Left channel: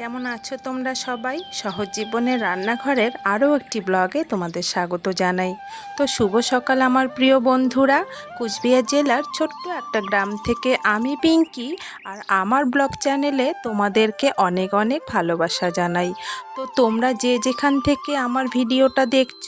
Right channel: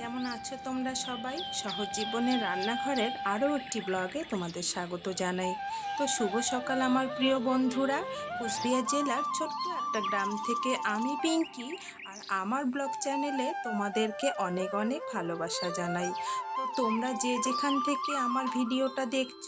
কেমন আছো তোমরা সবাই? সহজ জীবনের রান্নাঘরের আরও একটি ব্লগে তোমাদের স্বাগত জানাই। তো শুভ সকাল আমার প্রিয় বন্ধুরা। কুচবিহার জেলার ছোট্ট একটা গ্রাম থেকে আমি পিঙ্কি আর আমার ব্লগ চ্যানেলে তোমাদেরকে অনেক অনেক ভালোবাসা জানাই। তো তোমরা যে যেখান থেকে আমার ভিডিওটা দেখছ,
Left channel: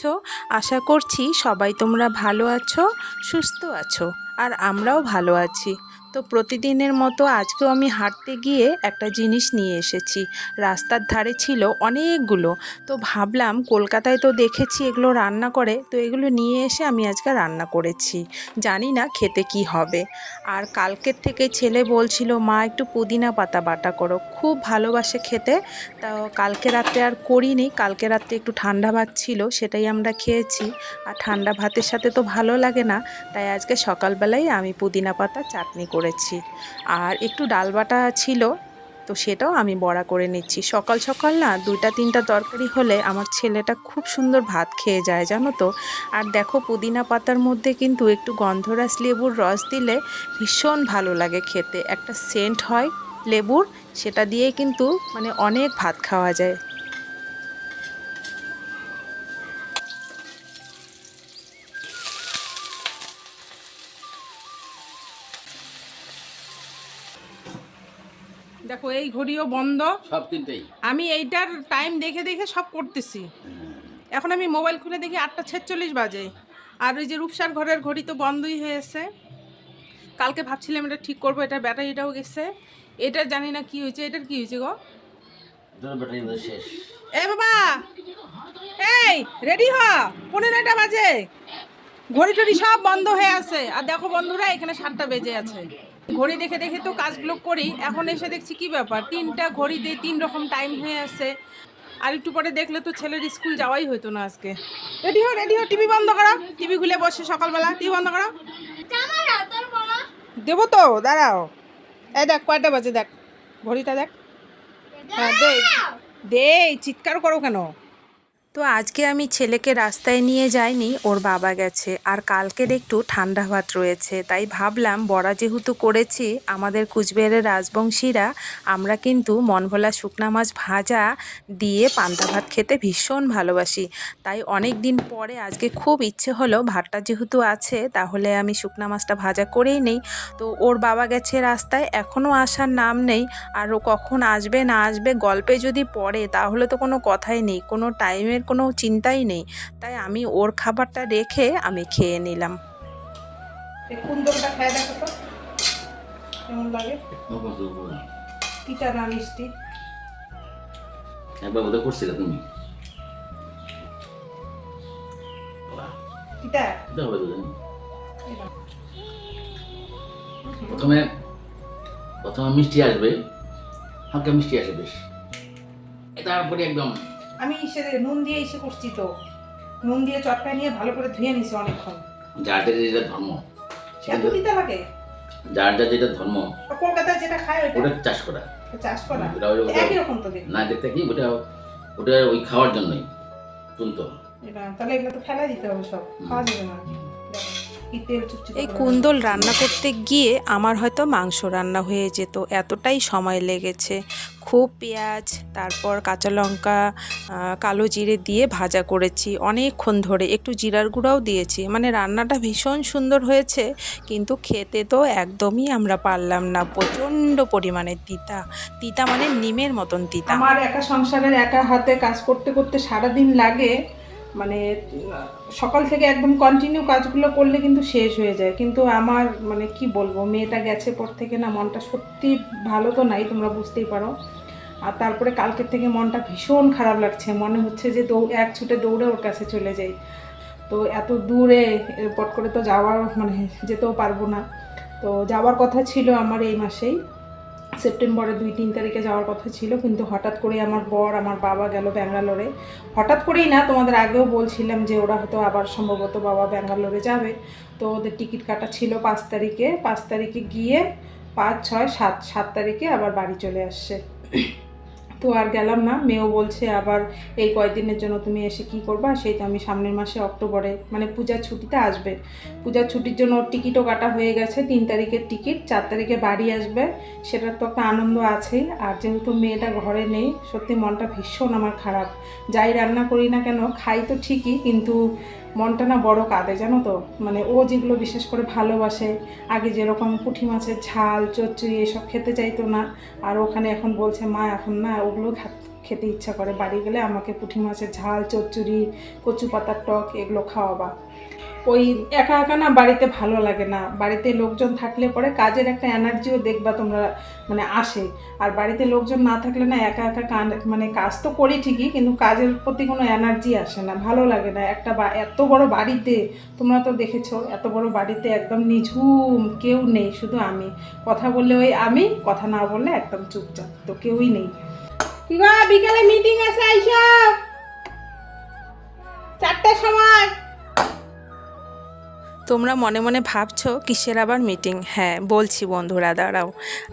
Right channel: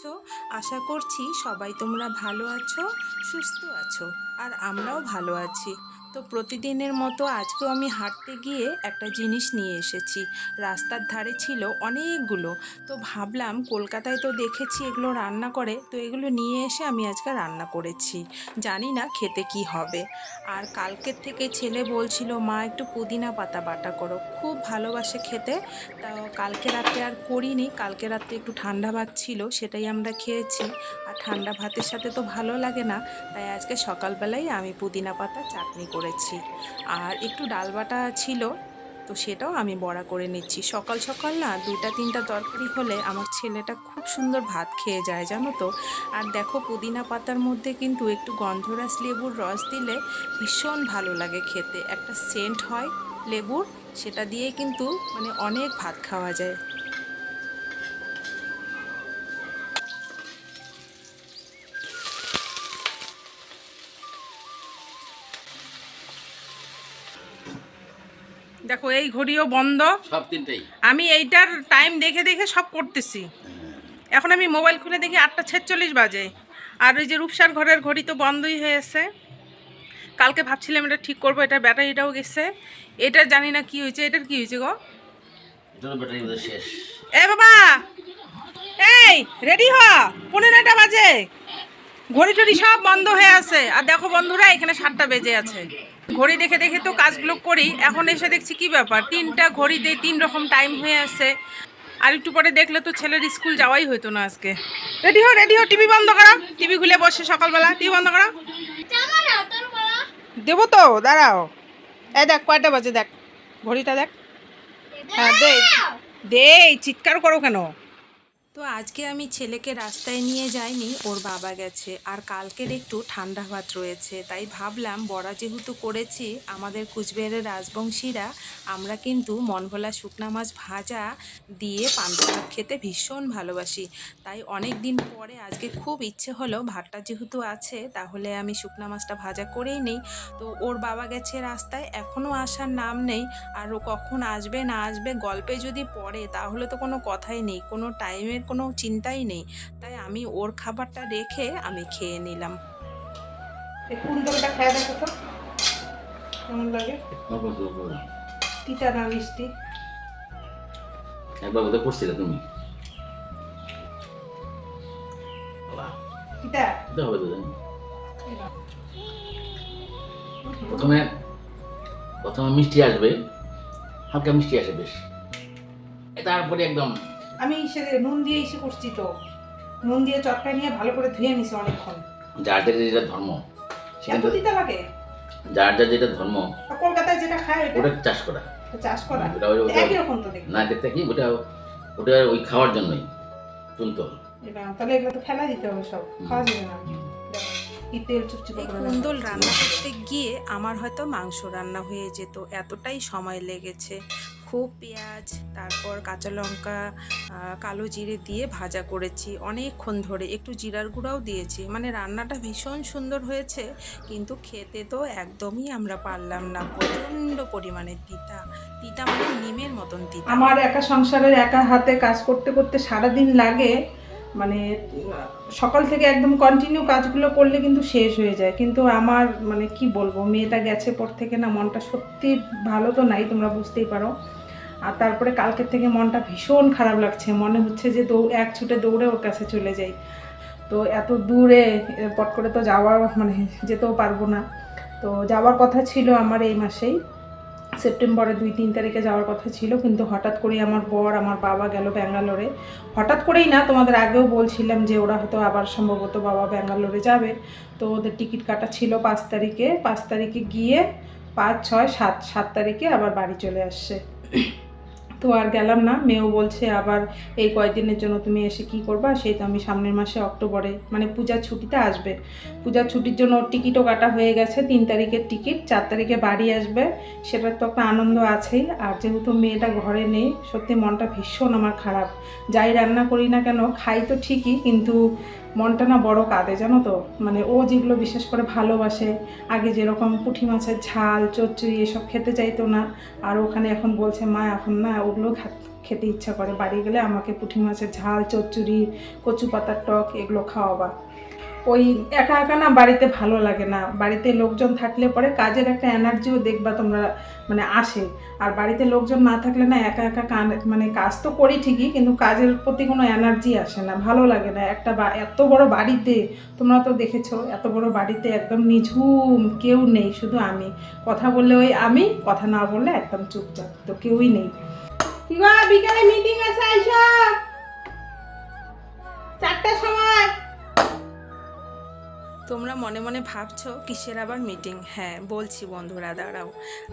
আশা করছি সবাই তোমরা ভালো আছো, সুস্থ আছো আর আমরাও ভালো আছি। তো প্রতিদিনের মতো আজকেও আমি হাঁটতে গিয়ে একটা জিনিস নিয়ে এসেছি। রাস্তার ধারে ছিল অনেকগুলো। তো ভাবলাম কলকাতায় তো দেখেছি এগুলো রান্না করে, তো এগুলো নিয়ে এসে আমি আজকে রান্না করেছি। জানি না খেতে কি হবে। আর কালকের থেকে ছেলে বলছিল, মা, একটু পুদিনা পাতা বাটা করো। খুব ভালোবাসে খেতে। তা কালকে রাত্রে আর করিনি। কালকে রাত্রে একটু ঠান্ডা ভাত ছিল, সেটাই আমরা খেয়েছি। আর ঠান্ডা ভাতের সাথে তো ভালো লাগে না। তাই আজকে সকালবেলায় আমি পুদিনা পাতা চাটনি করেছি। আর একটু ডাল বাটা ছিল, তো সেটাও আমি বড়া করে নিচ্ছি। সকাল সকাল না দুইটা তিনটা তরকারি হলে আমার ছেলেটা খুব সুন্দর ভাত খেয়ে যায়, জানো তো। আর দেখো পুদিনা পাতার মধ্যে কিন্তু একটু গন্ধরাস লেবুর রস দিলে ভীষণ ভালো লাগে খেতে। একটা সেন্ট হয় লেবুর, সেটা দিয়ে কিন্তু মানে অনেক ভাত খাওয়া যায়। দেখো এই ঘড়িও বন্ধ। সব তিনটেই। আমি এইটার টাইম দেখে দেখে সব করতেছি। এখন আমি মোবাইল খুলে দেখি আটটা ছেচল্লিশ বাজে। আর ওই যে রূপসার ঘরের ঘড়ি তো বন্ধই হয়েছে কালকে ভাবছিলাম এটা ঠিক করব এটা ব্যাটারিটাও গেছে। এটা জানি না কি হয়েছে এটার কি হয়েছে গো? এ বাবা! এই রেডি হ! পনেরোটা বাজে। ঘড়ি টড়ি সব বন্ধ হয়ে আছে। আর দেখো বন্ধুরা, এখানে সাতটা বেজে আছে। ঘড়ি দেখে দেখে তো কাজগুলো করি। এখন এসে দেখছি কি ব্যাপার? তিনটা ঘড়িতে তিন রকম টাইম হয়ে আছে। আর একটু পরে দেখলে তো ছেলের স্কুল যাওয়াই হতো না আজকে। রেডি হো রেডি হো টিভি বন্ধ করো। টিভি খুলে বসে সকালবেলা। টিভি বন্ধ করো। দেবো তো, দাঁড়াও। এই দেখ, কয়টা বাজে দেখ? ঘড়িটা দেখ। হ্যাঁ দে। দে, চিৎকার করো কেন? তো আজকে আমি ছেলেকে রাস্তায় নিয়ে যাইনি, ওর বাবা গেছে। আর কালকের একটু ঠান্ডা ভাত রয়েছে, তাই ভাবলাম বড়া যেহেতু করেছি, আমাদের কুচবিহারের রাজবংশীরা, আমরা কিন্তু মনভোলা শুকনা মাছ ভাজা দিয়ে পান্তা ভাত খেতে ভীষণ ভালোবাসি। তাই অনেক দিন পরে আজকে খুব ইচ্ছে হলো ভাতটা যেহেতু আছে, তাহলে আমি শুকনা মাছটা ভাজা করেই নেই। তো ওর বাবা গেছে রাস্তায় এখনও আসার নাম নেই, আর ও কখন আসবে না আসবে গল্পে যদি পড়ে, তাহলে তো কোনো কথাই নেই। কোনো টাইমের কোনো চিন্তাই নেই। তাই আমি ওর খাবারটা রেখে আমি খেয়ে নিলাম। এই খেয়ে দেখো তো। কেমন লাগে? তিতা না মিষ্টি? একবার বোধহয় করছিলে তুমি? হবে তো জানি। প্রথমে প্রথমে মিষ্টি আসবে। হালকা মিষ্টি আসে বেশ। তারপরে একদম আমি সে নুন দিয়ে এসে করছি তো। নুন দিয়ে চটকা নিয়ে ভালো করে ধুয়ে নিছি অনেকক্ষণ। যার যার যেটা ধর্ম সেটা এত তিতা লাগে? যার যার যেটা ধর্ম কলকাতায় যেটা খায় ওটা চাষ করা। চাষ করা? ওটা একই রকম তো না দেখতে কি ওটা ওটা ওই খাওয়ার জন্যই তুলতো তাহলে এগুলো তো খেলা দিতে হবে সব। খাওয়া যাবে না। এই কুন্দল রান্না করতে গিয়ে আমার হয়তো মাংস রান্না হয়ে যেত এতটাই সময় লেগেছে। খুব পেঁয়াজ তারপর কাঁচা লঙ্কা কালো জিরে দিয়ে ভাজা করেছি অনেকক্ষণ ধরে। একটু জিরার গুঁড়াও দিয়েছি। মানে রান্নাটা ভীষণ সুন্দর হয়েছে কিন্তু খেতে তো একদমই আমরা পারলাম না। প্রচণ্ড পরিমাণে তিতা। তিতা মানে নিমের মতন তিতা। আমার একা সংসারের একা হাতে কাজ করতে করতে সারাদিন লাগে। মানে সকাল থেকে একদম কন্টিনিউ কাজগুলো করলে কিন্তু শেষ হয়ে যায়। কিন্তু আমার মানে কি বলব, মেয়েটা গেছে পর থেকে না, মনটা সত্যি ভালো তো নাই, তোমরা বুঝতেই পারো। আর তারপরে কালকের থেকে মনটা ভীষণ খারাপ লাগছে। মনে হচ্ছে যে দৌ, এক ছুটে দৌড়ে ওর কাছে চলে যাই। তো এত দূরে পট করে তো যাওয়ার মানে যেতেও পারব না। তো যাওয়ার কথা ছিল আমার এই মাসেই। সেপ্টেম্বরের দুই তিন তারিখে যাওয়ার কথা ছিল, কিন্তু হঠাৎ করে আমার বর, আমার বাবা গেল ব্যাঙ্গালোরে। হঠাৎ করেই না, তোমাদের আগেও বলছিলাম যে ওরা হয়তো আবার সম্ভবত বাবা ব্যাঙ্গালোরে যাবে। তো ওদের টিকিট কাটা ছিল পাঁচ তারিখে। পাঁচ তারিখে গিয়ে পাঁচ, ছয়, সাত সাত তারিখে আবার বাড়ি চলে আসছে। তো আর গেলাম না। মেয়েও বলছে, আবার এই কয়েকদিনের জন্য তুমি এসে কি করবা? সেই তো আমি সামনের মাসে অক্টোবরে মানে পূজার ছুটিতে আসবে। পূজার ছুটির জন্য ওর টিকিটও কাটা হয়ে গেছে, তিন তারিখের টিকিট, চার তারিখে বাড়ি আসবে। সেটার তো একটা আনন্দ আছেই। আর যেহেতু মেয়েটা ঘরে নেই, সত্যি মনটা ভীষণ আমার খারাপ। যাই রান্না করি না কেন, খাই তো ঠিকই, কিন্তু মনটা না বড় কাঁদে, জানো তো? মানে ও যেগুলো বিশেষ করে ভালোবাসে, আগে যেরকম পুঁটি মাছের ঝাল, চচ্চড়ি এসব খেতে চাইতো না, আর ওখানে এখন বলছে, মা, এখন না ওগুলো খেতে ইচ্ছা করে। বাড়ি গেলে আমাকে পুঁটি মাছের ঝাল, চচ্চড়ি কচু পাতার টক এগুলো খাওয়াবা। ওই একা একা না বাড়িতে ভালো লাগে না। বাড়িতে লোকজন থাকলে পরে কাজের একটা এনার্জিও দেখবা তোমরা মানে আসে। আর বাড়িতে লোকজন না থাকলে না একা একা কান মানে কাজ তো করি ঠিকই, কিন্তু কাজের প্রতি কোনো এনার্জি আসে না, ভালো লাগে না। একটা এত বড় বাড়িতে, তোমরা তো দেখেছ, এত বড় বাড়িতে একদম নিঝুম, কেউ নেই, শুধু আমি। কথা বললে ওই আমি, কথা না বললে একদম চুপচাপ, তো কেউই নেই। কি গো, বিকালে মিটিং আছে চারটার সময়। তোমরা মনে মনে ভাবছ কিসের আবার মিটিং হ্যাঁ বলছি বন্ধুরা, দাঁড়াও।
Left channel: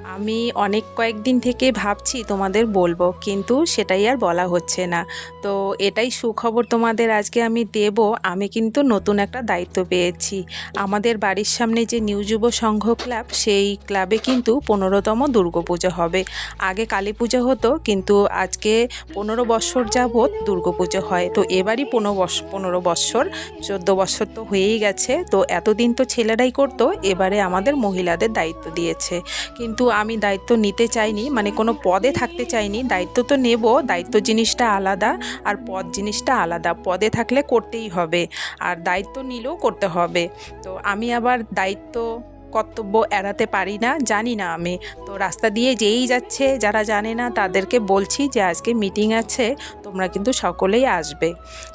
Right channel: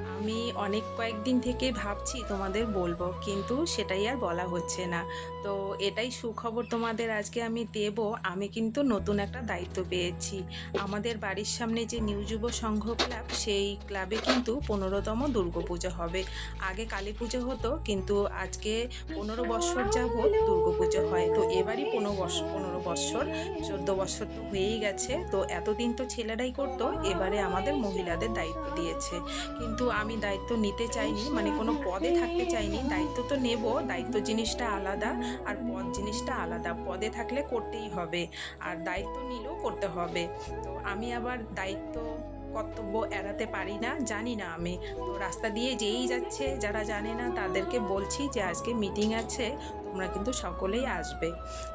আমি অনেক কয়েকদিন থেকে ভাবছি তোমাদের বলব, কিন্তু সেটাই আর বলা হচ্ছে না। তো এটাই সুখবর তোমাদের আজকে আমি দেব। আমি কিন্তু নতুন একটা দায়িত্ব পেয়েছি। আমাদের বাড়ির সামনে যে নিউ যুব সংঘ ক্লাব, সেই ক্লাবে কিন্তু পনেরোতম দুর্গাপুজো হবে। আগে কালী পুজো হতো, কিন্তু আজকে পনেরো বৎসর যাবৎ দুর্গাপুজো হয়। তো এবারই পনেরো বৎস- পনেরো বৎসর চোদ্দ বছর তো হয়েই গেছে। তো এতদিন তো ছেলেরাই করতো, এবারে আমাদের মহিলাদের দায়িত্ব দিয়েছে। কিন্তু আমি দায়িত্ব নিতে চাইনি মানে কোনো পদে থাকতে চাইনি। দায়িত্ব তো নেব, দায়িত্ব জিনিসটা আলাদা, আর পদ জিনিসটা আলাদা। পদে থাকলে করতেই হবে, আর দায়িত্ব নিলেও করতে হবে। তো আমি আবার দায়িত্ব কর্তব্য এড়াতে পারি না, জানি না আমি। তো রাস্তা দিয়ে যেই যাচ্ছে, যারা জানে না, তাদেরকে বলছি যে আজকে মিটিং আছে, তোমরা কিন্তু সকলেই আসবে।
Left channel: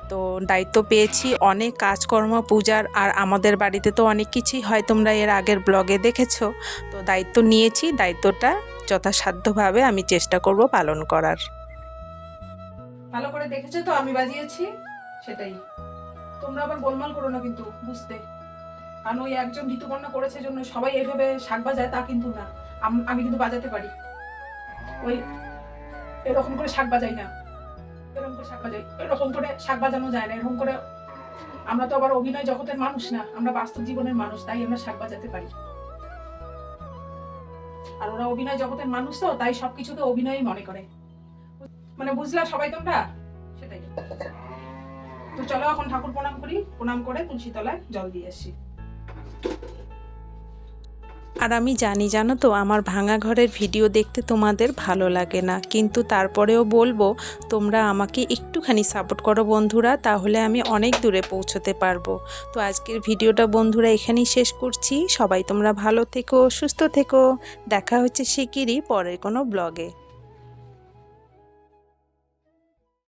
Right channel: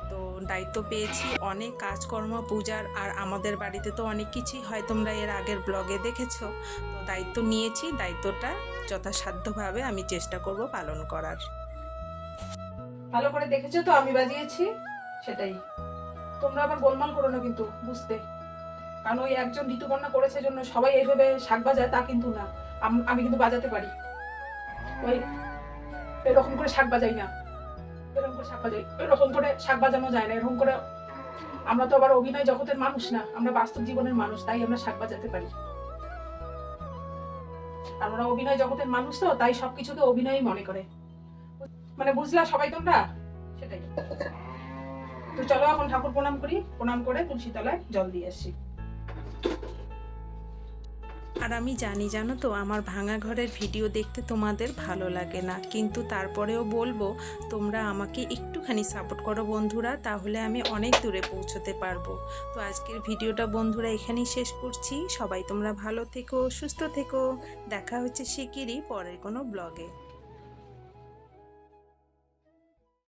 তো দায়িত্ব পেয়েছি, অনেক কাজকর্ম, পূজার, আর আমাদের বাড়িতে তো অনেক কিছুই হয়, তোমরা এর আগের ব্লগে দেখেছ। তো দায়িত্ব নিয়েছি, দায়িত্বটা যথাসাধ্যভাবে আমি চেষ্টা করব পালন করার। ভালো করে দেখেছ তো, আমি বাজিয়েছি? সেটাই। তোমরা আবার গোলমাল করো না কিন্তু, বুঝতে। কারণ ওই একজন ঋতুপর্ণা করেছে জন্য সবাই এইভাবে শাক বাজায়, তা কিন্তু না। আম- কিন্তু বাজাতে পারি। ওই এরকম করে শাক বাজাই না। এরকম করে শাক বাজাই। এরকম করে শাক বাজানো যায় না। এরকম করে আমরা তো আবার অভিনয় জগতের মানুষ না। আমরা বাস্তব জীবনের মানুষ, তাই আমরা শাক বাজাতে পারি। আর ওরা অভিনয় জগতের মানুষ তো, তাই সবকিছুকে অভিনয়ই মনে করে। মানে বুঝলা সবাই তোমরা? সেটাই। তো চলো এখন ঠাকুর প্রণাম করি। প্রণাম করে তুলসী তলায় জল দিয়ে আসি। আর আমি জানি, জানো তো, আমার ভাঙা ঘরের ভিডিও দেখতে তোমাদের ভালো লাগে না। কিন্তু তারপরেও বলব, তোমরা আমাকে একটুখানি সাপোর্ট করো বন্ধুরা, তাহলে আমি অনেক দূরে পৌঁছতে পারব। তো আজকের ভিডিওটা বন্ধুরা এখানেই শেষ করছি। সবাই তোমরা ভালো থেকো, সুস্থ থেকো। দেখা হচ্ছে শিগগিরই পরের কোনো ব্লগে